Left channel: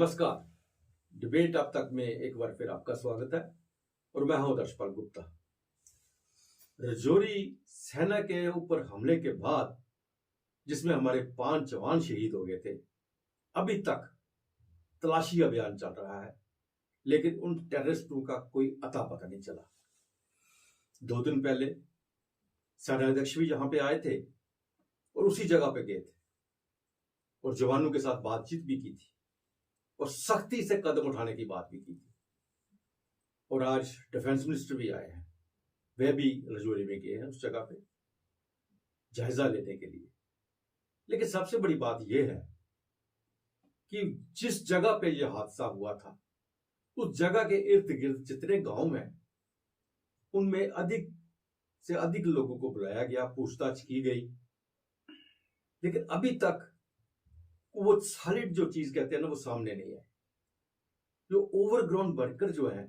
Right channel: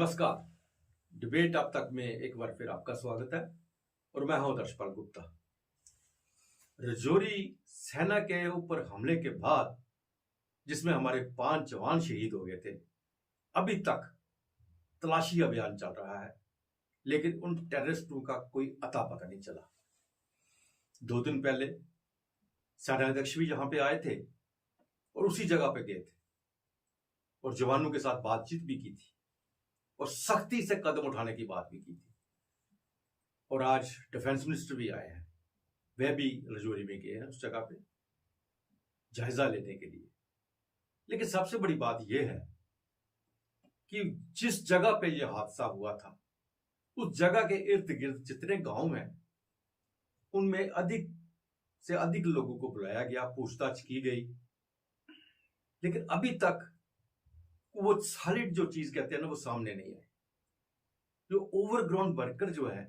नमस्कार। डिबेट अब तक में एक बार फिर आपका स्वागत है और मैं हूं दर्शपाल गुप्ता। रजौरी सेना के ऊपर हमले के बाद जिसमें हमारे 5 जवान शहीद हो गए थे, अभी तक तलाशी अभियान चल रहा है, लेकिन उन टेररिस्टों का कोई अता पता नहीं चला। 2 दिन पहले सेनाध्यक्ष भी यहां पे आए थे और उसी जगह पे गए थे और जवानों के साथ बातचीत भी की थी और सख्ती से कदम उठाने की बात भी की थी। और आज डिफेंस मिनिस्टर भी आए हैं, वह भी रजौरी में गए हैं उस जगह पे जायजा लेने के लिए। लेकिन सबसे बड़ी बात यह है कि जिस जगह पे यह हादसा हुआ था, उस जगह के इर्द गिर्द जितने गांव हैं, उनमें अधिक से अधिक लोगों को बुलाया गया, पूछताछ की गई, लेकिन अभी तक वो सॉलिड जो चीज कहते हैं ना, वो सामने नहीं है। जो ओवरग्राउंड वर्कर जो है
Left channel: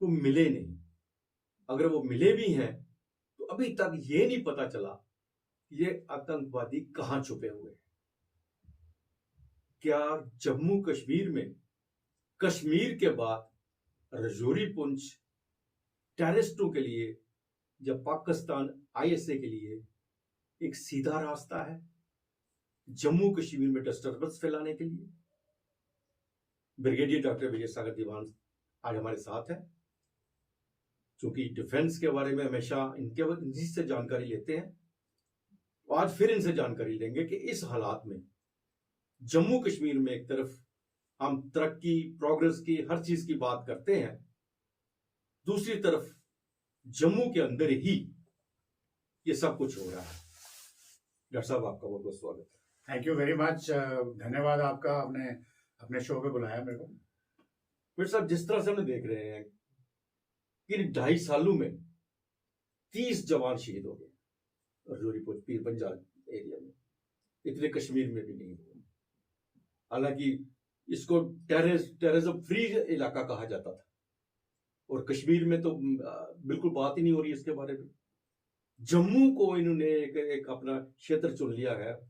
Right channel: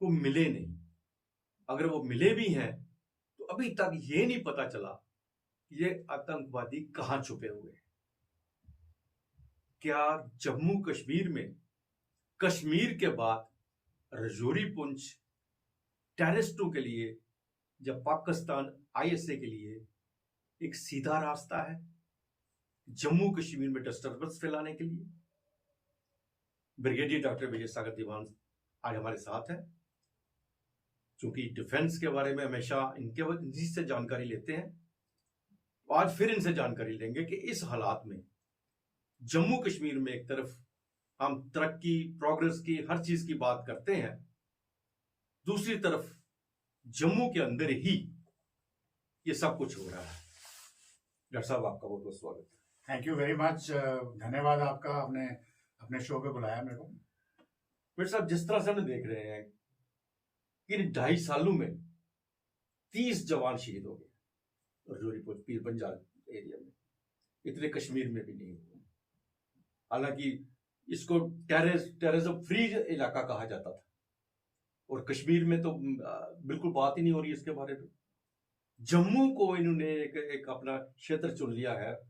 वो मिले नहीं। अगर वो मिले भी हैं तो अभी तक ये नहीं पता चला ये आतंकवादी कहां छुपे हुए हैं। क्या जम्मू कश्मीर में कश्मीर के बाद रजौरी पुंछ टेररिस्टों के लिए या पाकिस्तान आईएसए के लिए एक सीधा रास्ता है जम्मू कश्मीर में डिस्टर्बेंस फैलाने के लिए? ब्रिगेडियर डॉक्टर विजय सागर दीवान आज हमारे साथ है, क्योंकि डिफेंस के बारे में हमेशा इनसे से जानकारी लेते हैं। आज फिर इनसे जानकारी लेंगे कि इस हालात में जम्मू कश्मीर में एक तरफ हम तरक्की, प्रोग्रेस की, हर चीज की बात करते हैं, दूसरी तरफ जम्मू के अंदर ही ये सब कुछ हो रहा है। डॉक्टर साहब, आपका बहुत बहुत स्वागत है। Thank you very much. धन्यवाद आपका, आपने अपने शो पे बुलाया मेरे को। फिर साहब, जिस तरह से हम देख रहे हैं कि 2.5 सालों में 30 जवान शहीद हो गए रजौरी पीर पंजाल एरिया में, इतने कश्मीर में भी नहीं हुए। हालांकि इसको टेररिज्म फ्री इलाका कहा जाता था और कश्मीर में तो बिल्कुल बात ही नहीं हो रही इसके बारे में। जम्मू को इन्होंने एक अपना क्षेत्र चुन लिया है,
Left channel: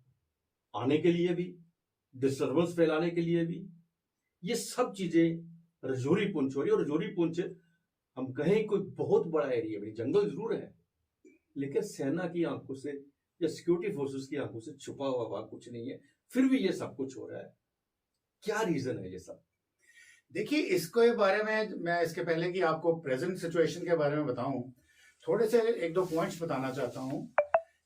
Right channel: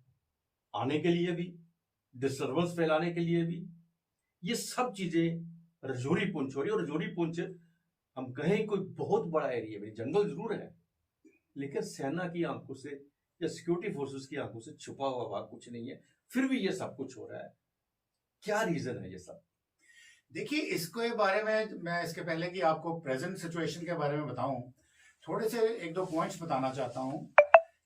आने के लिए भी, डिस्टर्बेंस फैलाने के लिए भी। ये सब चीजें रजौरी पुंछ हो रही है। और रजौरी पुंछ हम कहें कोई बहुत बड़ा एरिया में, जंगल जरूर है, लेकिन सेना की आंखों से या सिक्योरिटी फोर्सेस की आंखों से छुपा हुआ कुछ नहीं है, फिर भी ये सब कुछ हो रहा है। क्या रीजन है ये सब? देखिए, इसके बारे में मैं इसके पहले कि आपको प्रेजेंट सिचुएशन के बारे में बताऊं, थोड़े से 1-2 पॉइंट्स बताना चाहता हूं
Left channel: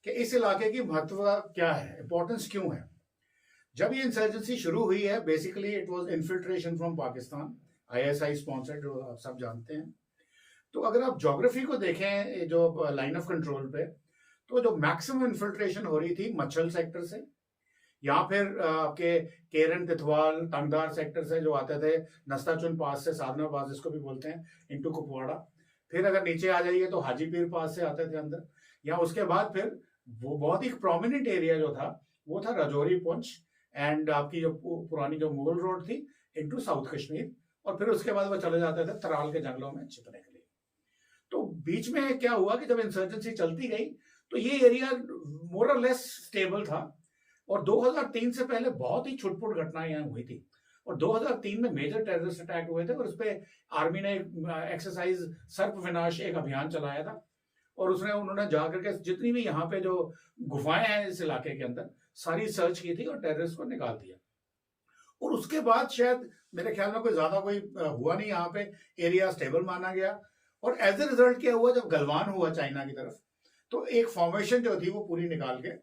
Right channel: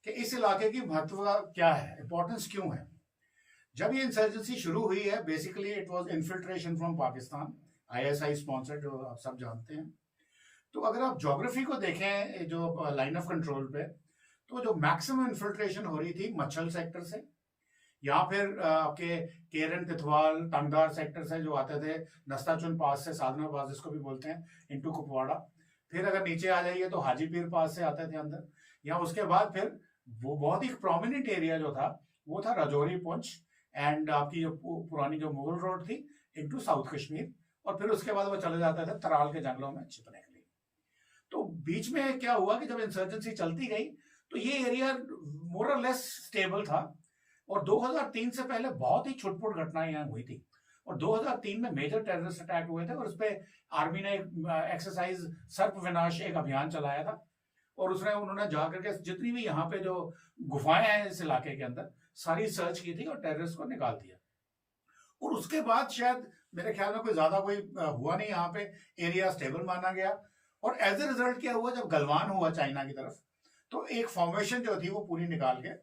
कि इस इलाके की महत्व क्या है, इंपॉर्टेंस क्यों है। जब ये इंसर्जेंसी शुरू हुई है, basically it was infiltration from Pakistan, ISI sponsored, जो आप सब जानते हैं। तो अगर आप ज्योग्राफी को देखें, जो लाइन ऑफ कंट्रोल पे, तो जो मैक्सिमम इन्फिल्ट्रेशन हो रही थी मच्छल सेक्टर से, या फिर आपके केरन, तिथवाल, टंगदार सेक्टर से जो आते थे, नस्ताचुन पास से, साधना पास जिसको भी बोलते हैं, इनटू कुपवाड़ा। फिर अगर नीचे आ जाइए तो हाजीपीर पास से आते थे अंदर, या उसके बाद फिर वो बहुत ही प्रोमिनेंट एरिया जो था वो था रजौरी पुंछ एंड आपकी जो पुरानी जो मुगल रोड थी इनटू साउथ कश्मीर, और फिर उसके बाद वो चले जाते थे तराल के जंगलों में छिपने के लिए। तो बीच में क्या हुआ कि जब इंसर्जेंसी चलती गई तो ये एरिया मोर और लेस स्टेबल था, और 2003 से पहले बहुत ही छुटपुट घटनाएं यहाँ हुई थी। और 2003 में मेजर टेररिस्ट अटैक हुए थे, और उस पर आर्मी ने एक्सरसाइज सर्प विनाश एक अभियान चलाया था, और उन्होंने जाकर के जितनी भी यहाँ पे जो गुफाएं हैं इस इलाके के अंदर, सारी सर्च की थी और टेररिस्ट को निकाल दिया। और उसके बाद शायद मेरे ख्याल में कोई हुआ नहीं, यहाँ पे एरिया स्टेबल माना गया। और एज ए रिजल्ट क्या हुआ, जब गलवान हुआ चाइना की तरफ, तो एक फॉर्मेशन जो थी वो पूरी निकाल के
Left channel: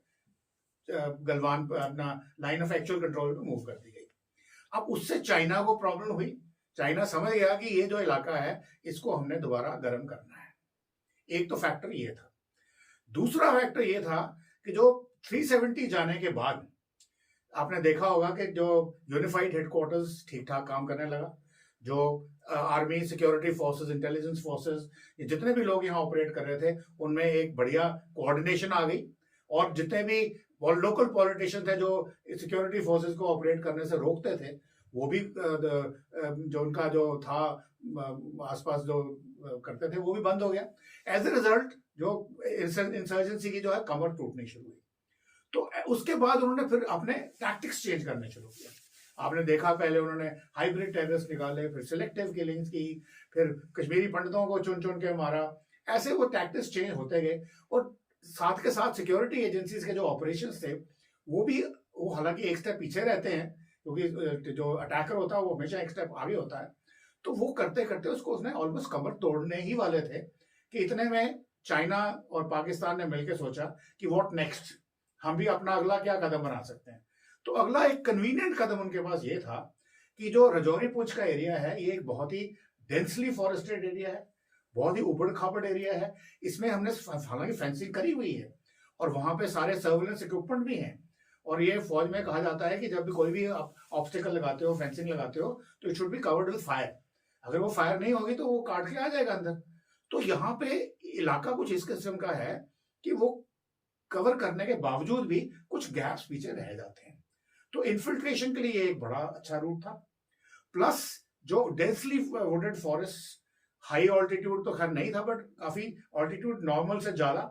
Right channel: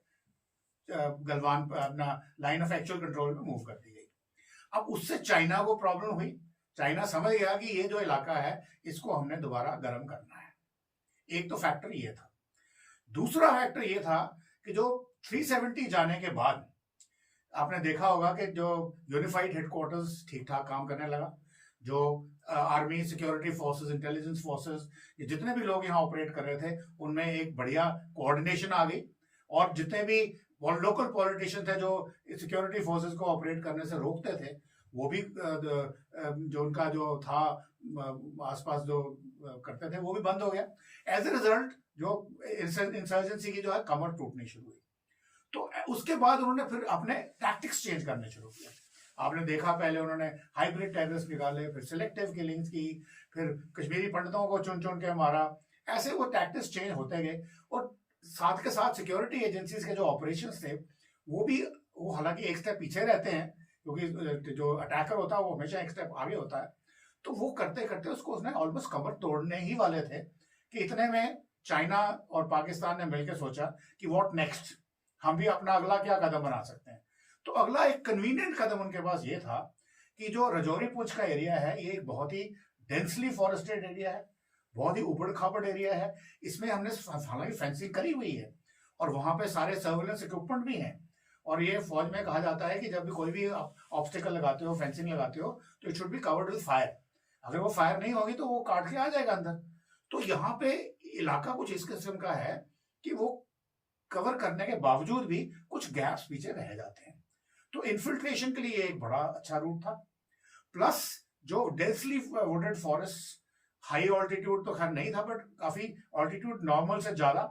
गलवान अपना लाइन ऑफ एक्चुअल कंट्रोल पे मूव कर दी गई। अब उससे चाइना को प्रॉब्लम हुई। चाइना समझ गया कि ये जो इलाका है इसको हमने दोबारा गर्म करना है। एक तो फैक्टर ये था। दूसरा फैक्टर ये था कि जो 370 जाने के बाद आपने देखा होगा कि जो यूनिफाइड हेडक्वार्टर्स ठीक ठाक काम करने लगा, जो army, security forces, intelligence forces, ये जितने भी लोग यहाँ ऑपरेट कर रहे थे उनमें एक बढ़िया कोऑर्डिनेशन आ गई, और जितने भी लोकल पॉलिटिशियन थे जो सिक्योरिटी फोर्सेस को ऑपरेट करने से रोकते थे, वो भी जो उनका जो था आसपास जो करते थे वो भी बंद हो गया। एज ए रिजल्ट जो इंसर्जेंसी की जो है कमर टूटनी शुरू हुई। तो उसके बाद उन्होंने फिर अपने टैक्टिक्स चेंज करने शुरू किया। आपने देखा पहले उन्होंने हाइब्रिड टेररिस्ट निकाले, फिर सिलेक्टिव किलिंग्स की, फिर कश्मीरी पंडितों को चुन चुन के मारा। ऐसे वो टैक्टिक्स चेंज होते गए और साथ के साथ सिक्योरिटी एजेंसीज के जो ऑपरेशंस थे वो हालांकि एक स्टेप पीछे रहते हैं, क्योंकि जो अटैकर होता है वो हमेशा एक स्टेप आगे होता है। तो वो करते करते उसको उसने ऑलमोस्ट कमर तोड़ने ही वाले थे कि इतने में चाइना और पाकिस्तान ने मिलकर सोचा कि व्हाट नेक्स्ट, हम भी अपना अगला क्या कदम बना सकते हैं। तो अगला एक कन्वीनियंट कदम उनके पास ये था कि जो रजौरी पूंछ का एरिया है ये एक बहुत ही डेंसली फॉरेस्टेड एरिया है, बहुत ही उबड़ खाबड़ एरिया है। इसमें हमने हालांकि फेंसिंग करी हुई है और वहां पे सारे सर्वेलेंस इक्विपमेंट भी हैं। और ये फौज में कहा जाता है कि जब भी कोई भी ऑब्स्टिकल लगाते हो, फेंसिंग लगाते हो, तो it should be covered with fire. अगर वो फायर नहीं होगी तो वो काट के आ जाएगा अंदर। तो यहाँ पे इलाका कुछ इस किस्म का है कि वो कवर करने के बावजूद भी कुछ गैप्स पीछे रह जाते हैं। तो इन्फिल्ट्रेशन के लिए एक बड़ा अच्छा रूट था। प्लस जो densely wooded forest, high altitude तो खैर नहीं था, बट काफी ऑल्टीट्यूड नॉर्मल से ज्यादा,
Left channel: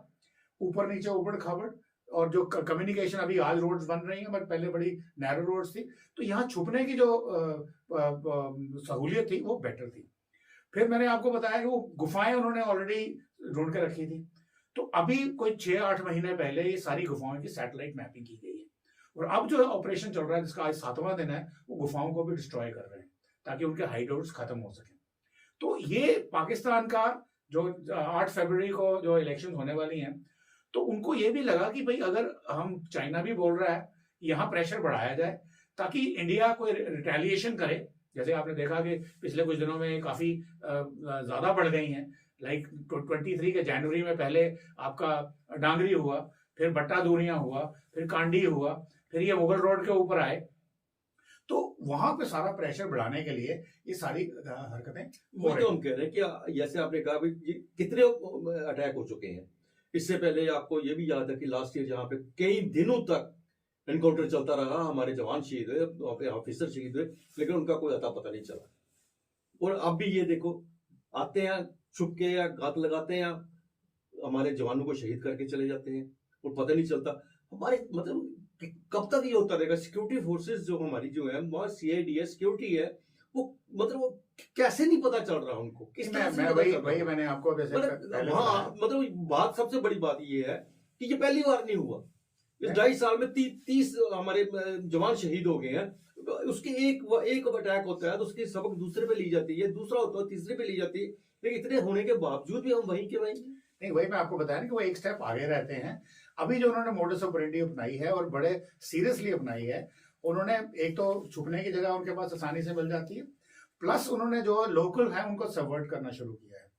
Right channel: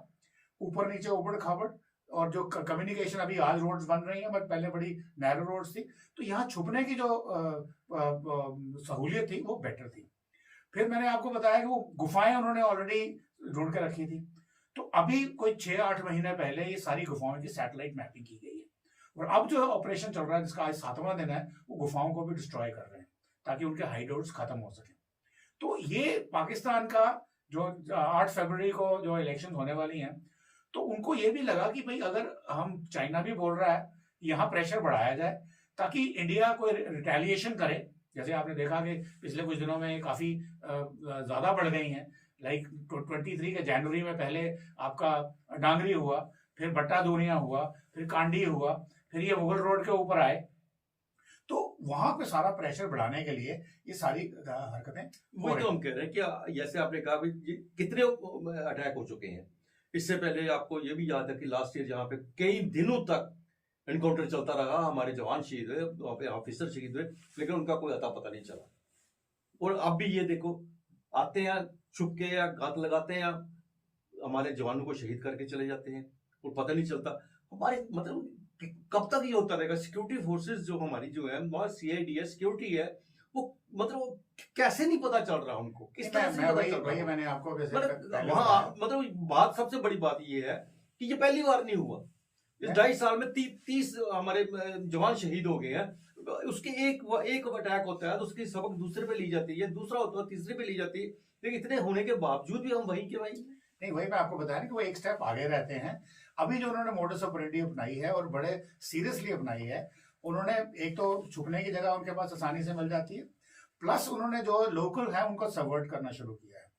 ऊपर नीचे उबड़ खाबड़, और जो कम्युनिकेशन अभी आज रोड्स बन रही हैं बट पहले बड़ी नैरो रोड्स थी, तो यहाँ छुपने की जो सहूलियत थी वो बेटर थी। फिर मैंने आपको बताया कि वो गुफाएं उन्होंने ऑलरेडी ढूंढ के रखी थी। तो अभी कोई 6-8 महीने पहले ये सारी गुफाओं की सैटेलाइट मैपिंग की गई है और अब जो ऑपरेशन चल रहा है जिसका आज 7वां दिन है, वो गुफाओं को भी डिस्ट्रॉय कर रहे हैं ताकि उनके हाइडआउट्स खत्म हो सके। तो ये पाकिस्तान का जो 8 फरवरी को जो इलेक्शन होने वाली हैं, तो उनको ये भी लगा कि भाई अगर हम, चाइना भी बोल रहा है, यहाँ प्रेशर बढ़ाया जाए ताकि इंडिया को रिटेलिएशन करे। जैसे आपने देखा कि पिछले कुछ दिनों में काफी ज्यादा बढ़ गई हैं। लाइक 23 के जनवरी में पहले आपका डांगरी हुआ, फिर भट्टा दूरियां हुआ, फिर कांडी हुआ, फिर ये मुगल रोड के ऊपर आए। तो वहां पे सारा प्रेशर बढ़ाने के लिए ये सारी हरकतें वो तो हम कह रहे हैं कि जैसे आपने कहा भाई कितने अटैक हो चुके हैं। इससे पहले आपको ये भी याद है कि लास्ट ईयर जहाँ पे कई दिनों तक एनकाउंटर चलता रहा, हमारे जवान शहीद हुए, ऑफिसर शहीद हुए, लेकिन उनका कोई अता पता नहीं चला। और अब भी ये देखो, आते हैं छुप के या घात लगाते हैं या हमारे जवानों को शहीद करके चले जाते हैं और पता नहीं चलता। हमारे मतलब कब तक ये होता रहेगा? सिक्योरिटी फोर्सेस जो हमारी जो है, वहाँ CID है, सिक्योरिटी है, वो मतलब कैसे नहीं पता चल रहा उनको? किस तरह से वही मैंने आपको मतलब बात, सबसे बड़ी बात ये है कि ये पहली बार नहीं हुआ। इस 2.5 साल में 30 हमारे जवान शहीद हो गए हैं। उसके एक अटैक होता है तो उसकी सबक दूसरे पे ली जाती है, दूसरा होता है तीसरे पे ली जाती है, लेकिन इतने होने के बावजूद भी हम वहीं के वहीं। नहीं, वही मैं आपको बताया कि वो एक स्टेप आगे रहते हैं। अभी जो उन्होंने मोडस ऑपरेंडी अपनाई है और बड़े सीरियसली अपनाई है, उन्होंने एक तो छुपने की जगह उनके पास आसानी से मिल जाती है, प्लस उन्होंने जो लोकल है उनको सबवर्ट करना शुरू किया है।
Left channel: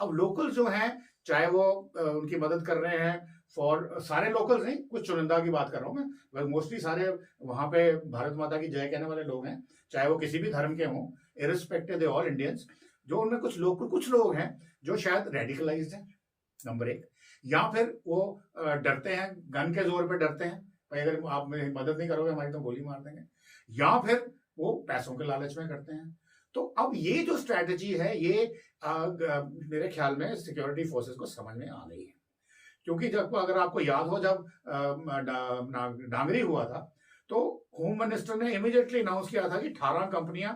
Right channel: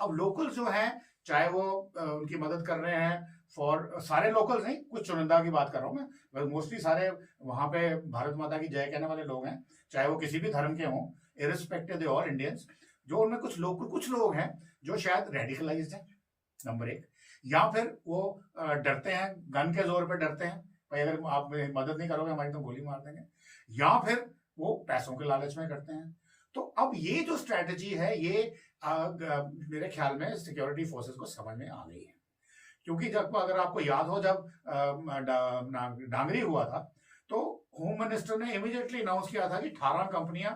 अब लोकल जो हैं, चाहे वो उनकी मदद कर रहे हैं, फॉर सारे लोकल्स नहीं, कुछ चुनिंदा की बात कर रहा हूँ मैं, मोस्टली सारे वहां पे भारत माता की जय कहने वाले लोग हैं, चाहे वो किसी भी धर्म के हों, इरिस्पेक्टिव दे ऑल इंडियंस। जो उनमें कुछ लोग हैं जो शायद रेडिकलाइज्ड हैं, नंबर 1, या फिर वो डरते हैं, गन के जोर पे डरते हैं, भाई अगर आप मेरी मदद नहीं करोगे हमारी तो गोली मार देंगे, या फिर वो पैसों के लालच में करते हैं। तो अब ये जो स्ट्रैटेजी है ये मेरे ख्याल में सिक्योरिटी फोर्सेस को समझ में आ गई है। क्योंकि जब, अगर आपको याद हो, जब डांगरी हुआ था तो होम मिनिस्टर ने इमीडिएटली अनाउंस किया था कि 18 कंपनियां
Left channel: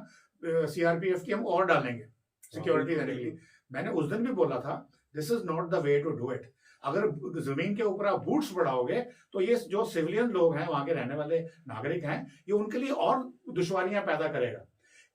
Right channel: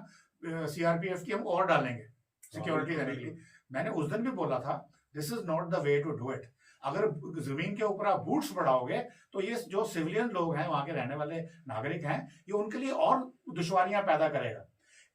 CRPF की हम और डालेंगे सिक्योरिटी देने के लिए। मैंने उस दिन भी बोला था, this is not the way to do it. अगर जमीन के ऊपर आप बूट्स बढ़ाओगे तो ये जो सिविलियन लोग हैं, वहां के रहने वाले नागरिक हैं, ये उनके लिए और दुश्वारियां पैदा करेगा।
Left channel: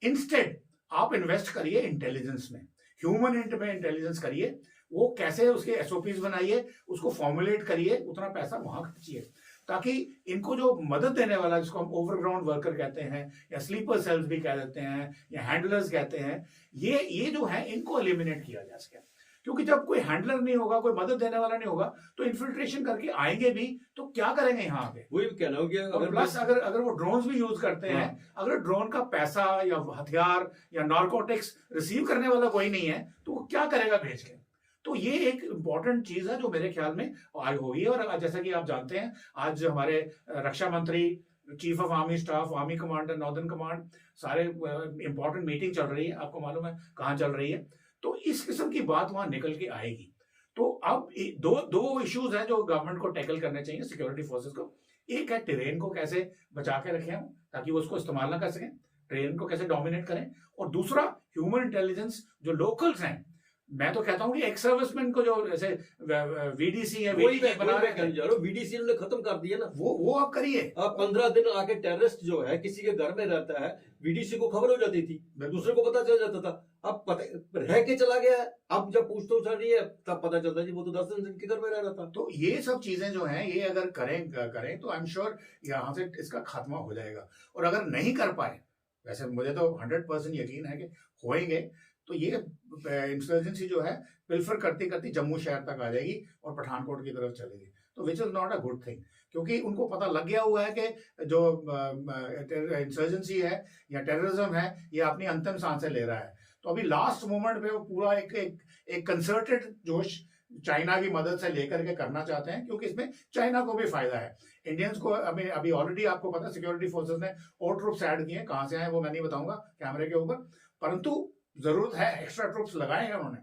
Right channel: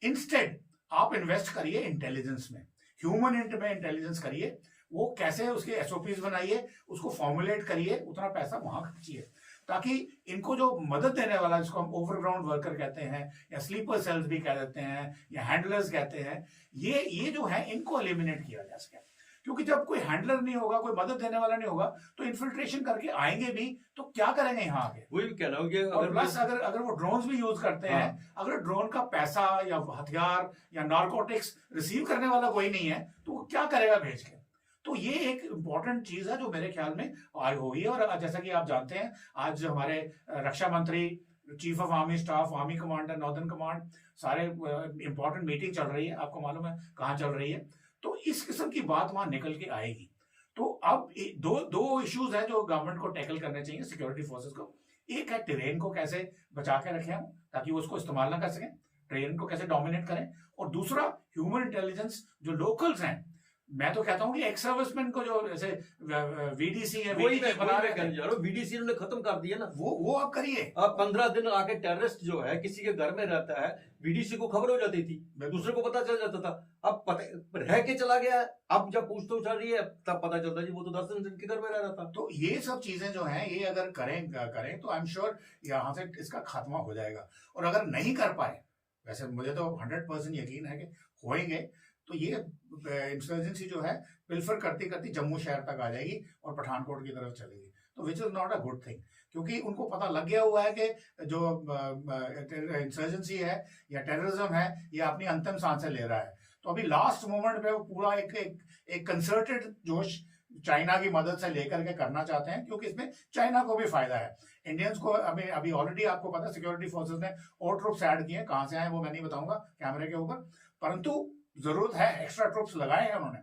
इंस्टेड आप इन्वेस्ट करिए इंटेलिजेंस में, ह्यूमन में इंटेलिजेंस करिए, वो कैसे उसके SOPs बनाइए, उसको फॉर्मुलेट करिए, उतना पैसा वहां खर्चिए, ताकि इनको जो मदद देने वाला, जिसको हम ओवरग्राउंड वर्कर कहते हैं या स्लीपर सेल्स भी कह देते हैं या हैंडलर्स कहते हैं, ये जो है इनको एलिमिनेट किया जा सके। क्योंकि जब कोई हैंडलर नहीं होगा, कोई मदद देने वाला नहीं होगा, तो इन्फिल्ट्रेशन करके आएंगे भी तो क्या करेंगे यहाँ आके? वही कहना हो गया। और प्लस अगर वो ड्रोन्स भी यूज करते हैं, अगर ड्रोन का पैसा या हथियार या नार्कोटिक्स रिसीव करने वाला कोई नहीं है तो वो क्या करेगा भेज के? तो ये एक इंपॉर्टेंट चीज है जो मेरे ख्याल में आई हुई है। और जैसा कि आप जानते हैं, आज हमारे रक्षा मंत्री, chief of army staff, army commander, northern command, सारे इंपॉर्टेंट मीटिंग चल रही है, आपको मालूम है कहाँ चल रही है। तो इस किस्म की बात वहां निकल के आएगी। तो अब दो इश्यूज हैं जो गवर्नमेंट को टैकल करने चाहिए, सिक्योरिटी फोर्सेस को। एक है टेरेन को कैसे बचा के रखें हम, ताकि वो उसको इस्तेमाल ना कर सकें, टेरेन को कैसे डोमिनेट करें, और दूसरा ह्यूमन इंटेलिजेंस जो लोकल्स हैं। मैं तो कहता हूं कि एक्स सर्विसमैन को जो जैसे वीडीसी है, वही VDC बना रहे हैं, जा रहा हूँ, बीडीसी उन्होंने खत्म कर दिया ना। वो आप करिए। अब 15 दिन आके टेररिस्ट जो है किसी के घर में रहता है, बीडीसी को खबर हो जाती थी, दूसरे को पता चल जाता था। अब पता रह के चला गया है, अब जब पूछताछ चल रही है तब पता चलता जी वो तो 10 दिन के घर में रह रहा था। तो ये सब चीजें जो हैं, ये अगर करें तो आई एम श्योर यहाँ से इसका खात्मा हो जाएगा। और अगर नहीं कर पाए, वैसे मुझे तो 100% यकीन है कि होएंगे, तो ये इंसर्जेंसी जो है पिल्फर करती करती जम्मू शहर तक आ जाएगी और पठानकोट की तरफ चलेगी, तो which is not a good thing, क्योंकि उनको पता लग गया हुआ है कि जो इंसर्जेंसी है या टेररिज्म है, ये अपनी अंतिम सांसें ले रहा है। तो अभी लास्ट मोमेंट पे वो पूरा एक कंसर्टेड जोश चाइना की मदद से लेकर के करना चाहते हैं, क्योंकि इसमें चाइना को भी फायदा है। इंडियंस को अभी ऑलरेडी आपको पता है सिक्योरिटी फोर्सेस ने और ट्रुप्स ऐड किए हैं, कहां से आए वो मैं नहीं बताऊंगा कैमरे के ऊपर, परंतु जरूरत है, एक्स्ट्रा ट्रुप्स लगाए हैं उन्होंने।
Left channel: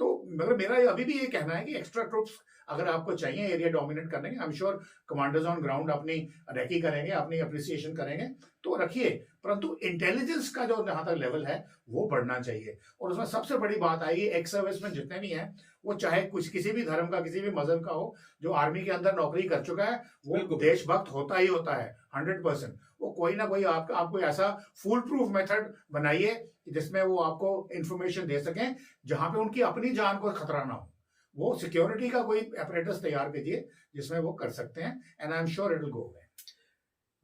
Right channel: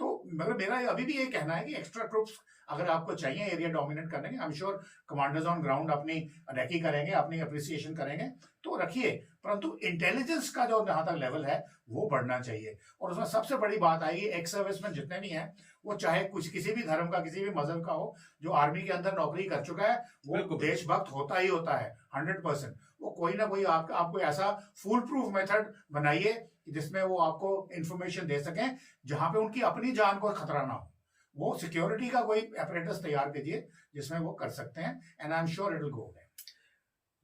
तो मगर मेरा अभी भी ये कहना है कि एक्स्ट्रा ट्रुप्स अगर आपको चाहिए एरिया डोमिनेट करने के, I am sure commanders on ground अपनी रेकी करेंगे, अपनी अप्रिसिएशन करेंगे, तो रखिए, परंतु इंटेलिजेंस का जो जहां तक लेवल है वो बढ़ना चाहिए। और उसमें सबसे बड़ी बात आएगी, एक्स सर्विसमैन जितने भी हैं, वो चाहे कुछ किसी भी धर्म का, किसी भी मजहब का हो, जो आर्मी के अंदर नौकरी कर चुका है वो देशभक्त होता ही होता है 100%। वो कोई ना कोई आपको ऐसा फूल प्रूफ मेथड बनाइए जिसमें वो आपको इंफॉर्मेशन दे सकें जहां पे उनकी अपनी जान को खतरा ना हो। वो सिक्योरिटी का कोई अपरेटस तैयार कीजिए जिसमें वो कर सकते हैं, and I am sure it will go away.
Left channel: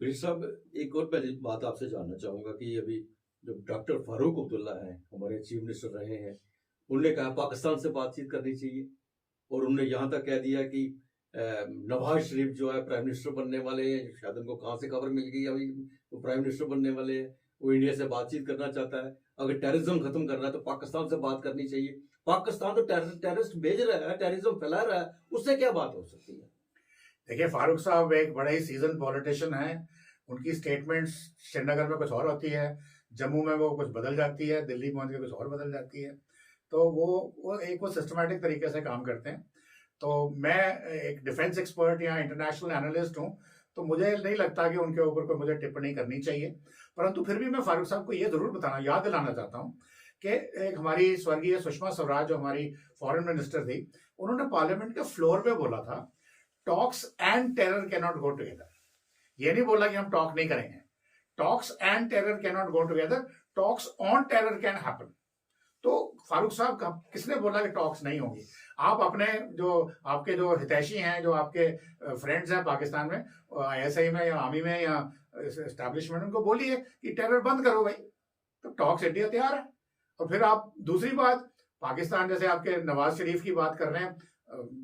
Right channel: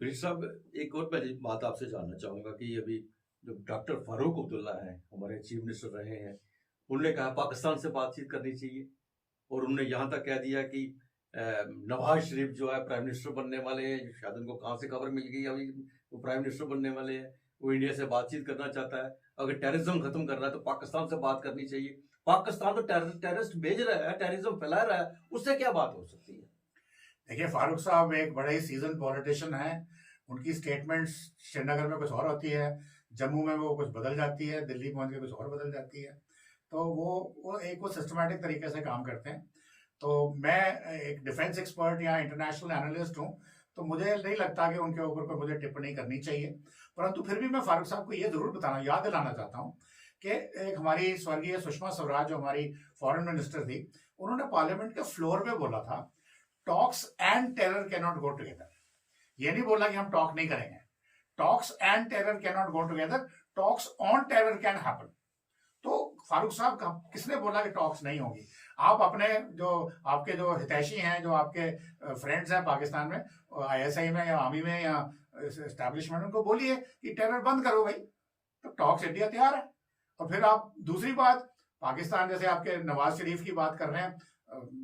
Bridge साहब, एक और पहली बात आपसे जानना चाहूंगा कि अभी जो डॉक्टर फारूक अब्दुल्ला हैं, हमारे चीफ मिनिस्टर रहे हैं, उन्होंने कहा पाकिस्तान से बातचीत करनी चाहिए, और उन्होंने यहाँ तक कह दिया कि नवाज शरीफ जो है प्राइम मिनिस्टर बनने वाले हैं, शायद उनको कहाँ से खबर मिल गई अभी वो प्राइम मिनिस्टर बनने वाले हैं, वो इंडिया से बातचीत करना चाहता है। अगर टेररिज्म खत्म करना है तो पाकिस्तान से बात करनी चाहिए। पाकिस्तान तो टेररिस्ट भेज रहा है, टेररिज्म फैला रहा है, उससे क्या बात हो सकती है? देखिए, फारूक साहब एक बड़ा ही सीजन पॉलिटिशियन है। उनकी स्टेटमेंट्स श्रीनगर में कुछ और होती है, जम्मू में वो कुछ बदल जाती है, दिल्ली पहुंच के कुछ और बदल जाती है। तो वो सिस्टमैटिक तरीके से काम करते हैं। तो मैं एक डिफेंस एक्सपर्ट या इंटरनेशनल एनालिस्ट हूं, तो मुझे नहीं लगता कि उनके ऊपर कोई मुझे टिप्पणी करनी चाहिए। परंतु फिर भी मैं फारूक साहब को ये जरूर याद दिलाना चाहता हूं कि एक हमारी स्वर्गीय सुषमा स्वराज जो हमारी फॉरेन मिनिस्टर थी, उन्होंने पार्लियामेंट के फ्लोर पे बोला था, talks and terror can not go together. ये नहीं बोला कि हम टॉक नहीं करेंगे, talks and terror can not go together, talks on terror can happen. तो फारूक साहब, किसने बोला कि टॉक्स नहीं होगी? आप अपने आपके जो हितैषी हैं, जो आपके फ्रेंड्स हैं पाकिस्तान में, ISI में या आर्मी में या एस्टैब्लिशमेंट, उनको बोलिए कि टेरर बंद करो भाई, तो टॉक्स इंडिया तैयार है। और फिर आप दूसरी बात, पाकिस्तान जैसे आपके नवाज शरीफ की बात कर रहे हैं,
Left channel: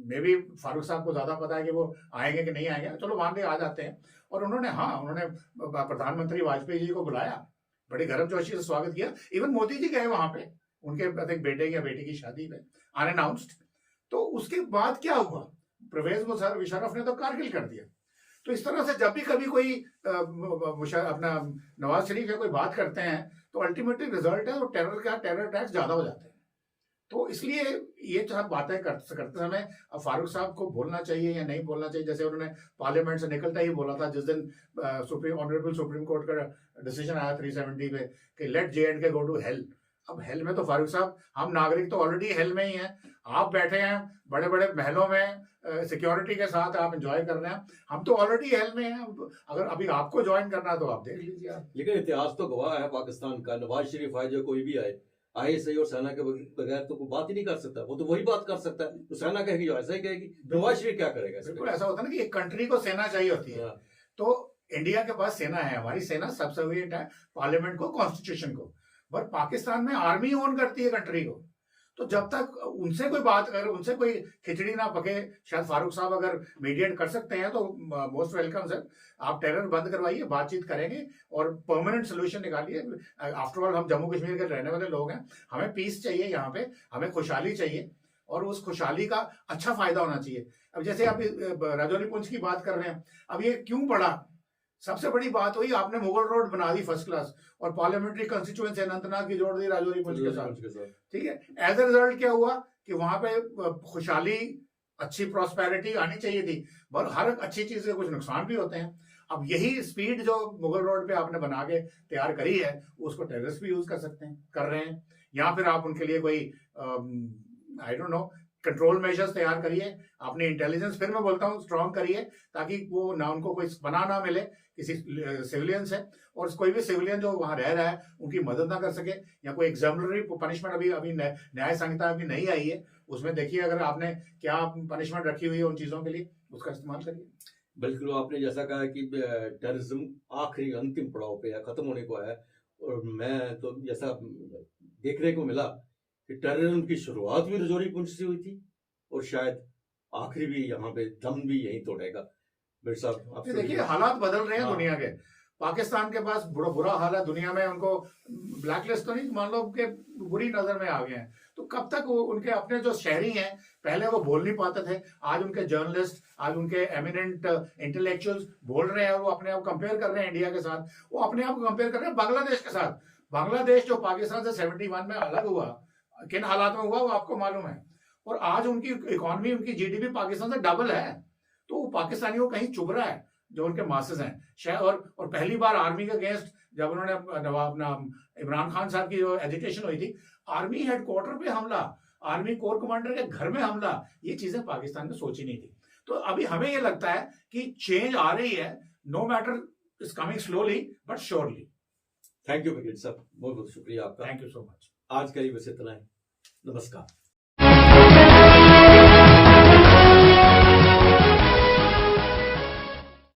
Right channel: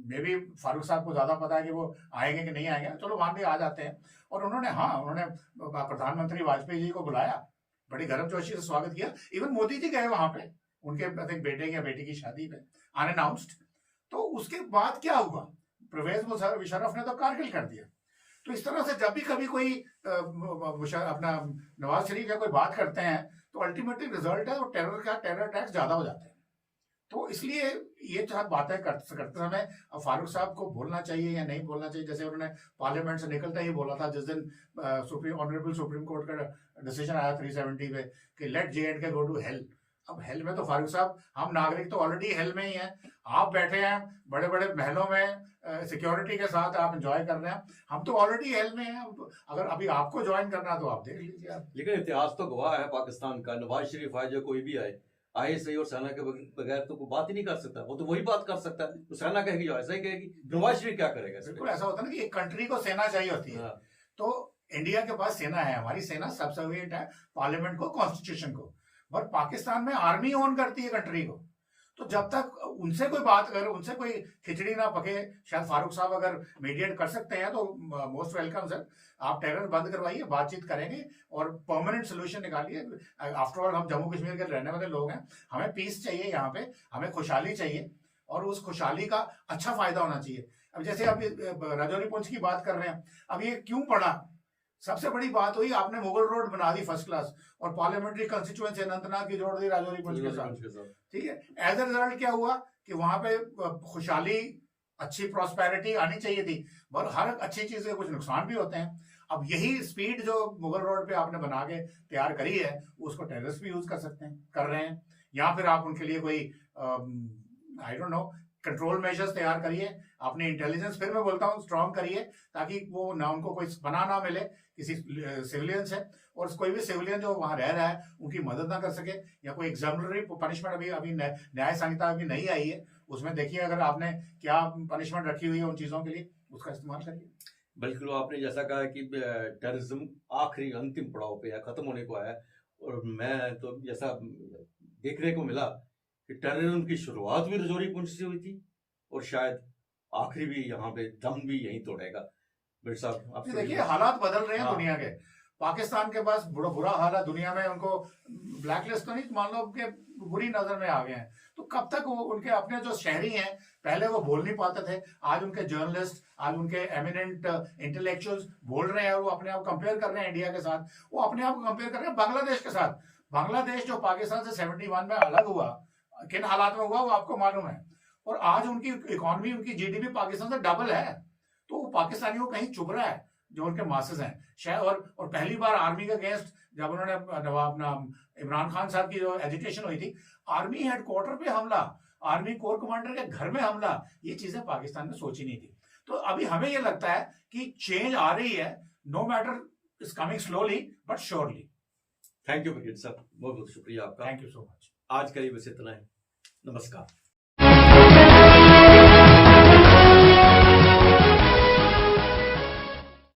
मे भी फारूक साहब को ज्यादा पता है कि वो आएंगे कि नहीं आएंगे, चलो मान ले आ जाते हैं। और उन्होंने प्रधानमंत्री वाजपेयी जी को बुलाया, बड़ी गर्मजोशी से स्वागत किया, इवन मोदी जी गए वहां पे उनके बेटे या बेटी की शादी पे अनअनाउंस्ड। तो उसके बाद क्या हुआ? परवेज मुशर्रफ ने तो कारगिल कर दिया। तो इस तरह से जब भी कभी कोई अपना नवाज शरीफ या कोई बात करते हैं, तो अल्टीमेटली रिजल्ट है वो टेरर अटैक्स ज्यादा हो जाते हैं। तो इसलिए ये बातें करते समय फारूक साहब को बोलना चाहिए या नहीं बोलना चाहिए, जैसे उन्होंने पार्लियामेंट से निकलता ही बोला था जिस दिन ऑनरेबल सुप्रीम कोर्ट का डिसीजन आया 370 पे कि let J&K go to hell. अब हेल में तो फारूक साहब, हम नागरिक तो ऑलरेडी हेल में ही हैं। आप बैठे हैं बड़े बड़े महलों में सिक्योरिटी के साथ, आप एंजॉय कर रहे हैं, हम तो ऑलरेडी हेल में हैं। अगर अभी आपको ज्वाइन करना है तो आप देख लीजिए। लेकिन इतिहास तो गवाह है पाकिस्तान का, नवाज शरीफ आए जो कोई भी आए सही और सेना के बगैर तो कोई बात ही नहीं कर सकता। वो तो वही बात कर सकता है, तो सेना कहेगी ऐसा ही कहेगी, नवाज शरीफ क्या करेगा? बिल्कुल ऐसा होता है ना कि एक कंट्री को सेना चाहिए होती है। तो इंडिया के पास सेना है, हमारी सेना सबसर्विएंट है पार्लियामेंट को, कॉन्स्टिट्यूशन को। बट पाकिस्तान में आर्मी ओन करती है कंट्री को। तो जब तक उनसे कोई बात, अगर उनसे कोई खिचड़ी ना पके, शायद फारूक साहब अगर मीडिएट कर सकते हैं तो मोस्ट वेलकम सर। आप टेरर बंद करवाइए, बातचीत करेंगे और परमानेंट सोल्यूशन निकालिए। आफ्टर ऑल हम जम्मू कश्मीर के रहने वाले लोग हैं, हमें पीस चाहिए यहाँ पे, हमें खुशहाली चाहिए, और उस खुशहाली का अच्छा फायदा होना चाहिए। अब जैसे आप राजौरी पुंछ की बात कर रहे हैं, अब ये क्यों पड़ा? सबसे बड़ी बात हुई, आपने मुगल रोड बना दी फर्स्ट क्लास, और पार्लियामेंट्री कंस्टिट्यूएंसी अनंतनाग की जोड़ दी राजौरी पुंछ के साथ। ठीक है, एज ए रिजल्ट क्या हुआ कि वहां पे खुशहाली अच्छी प्रॉस्पेरिटी आनी चाहिए थी, पर हर अच्छी चीज के कुछ नुकसान भी होते हैं। अब यही स्पीड जो मुगल रोड पे आपने बना के तैयार करी है, उसको टेररिस्ट भी यूज कर सकते हैं, कर रहे हैं। या फिर आप उनके लिए कोई I don't know control measures तैयार करिए, अपनी इंटेलिजेंस फिर मैं बोलता हूँ स्ट्रांग करिए, ताकि वो ना उनको कोई पनाह ना मिले किसी सिविलियन से, और कोई भी सिविलियन जो वहां रह रहा है उनकी मदद ना कर सके। या कोई एग्जाम्पलरी पनिशमेंट अभी अभी न्याय संहिता अभी नहीं आई है, उसमें देखिए अगर आपने क्या पनिशमेंट रखी हुई है उन चीजों के लिए, उसका इस्तेमाल करिए। बिल्कुल, आपने जैसा कहा कि टेररिज्म आखिरी अंतिम पड़ाव पे है, खत्म होने को है। और मैं तो जैसा देखने को मिला कि टेररिज्म की शुरुआत भी रजौरी पुंछ से हुई थी, और शायद आखिरी भी यहाँ पे दम भी यहीं तोड़ेगा। बिर साहब, आप देखिए हालात बदल रहे हैं हाँ। दुनिया के। पाकिस्तान के पास बुरा हाल है दुनिया में, उनको ब्लैकलिस्ट तो नहीं, मान लो कि बुरी नजर में आ गए हैं। तो कब तक वो उनके अपने जो शहरी हैं, पहले वो बोल नहीं पाते थे, आज उनके जर्नलिस्ट, आज उनके एमिनेंट इंटेलेक्चुअल्स बोल रहे हैं, और वो अपने आप कंपेयर कर रहे हैं इंडिया के साथ, वो अपने आप को कंपेयर कर रहे हैं बांग्लादेश के साथ। बांग्लादेश जो पाकिस्तान से 71 में अलग हुआ, किन हालात में हुआ वो आपको मालूम है, और आज उनकी इकोनॉमी, उनकी जीडीपी पाकिस्तान से डबल है। तो वो पाकिस्तानियों को कहीं चुभ रहा है जो उनके मासेस हैं शायद। और पहली बार आर्मी के अगेंस्ट जब उन्होंने अपना इमरान खान साहब की जो एजिटेशन हुई थी, आर्मी हेडक्वार्टर पे हमला, आर्मी कोर कमांडर के घर में हमला, ये चीजें पाकिस्तान ने सोची नहीं थी। तो अभी हमें ये लगता है कि चेंज आ रही है, no matter is coming slowly but surely. Thank you brigade साहब, बहुत बहुत शुक्रिया आपका। Thank you so much. आज का ये बस इतना है। नमस्कार।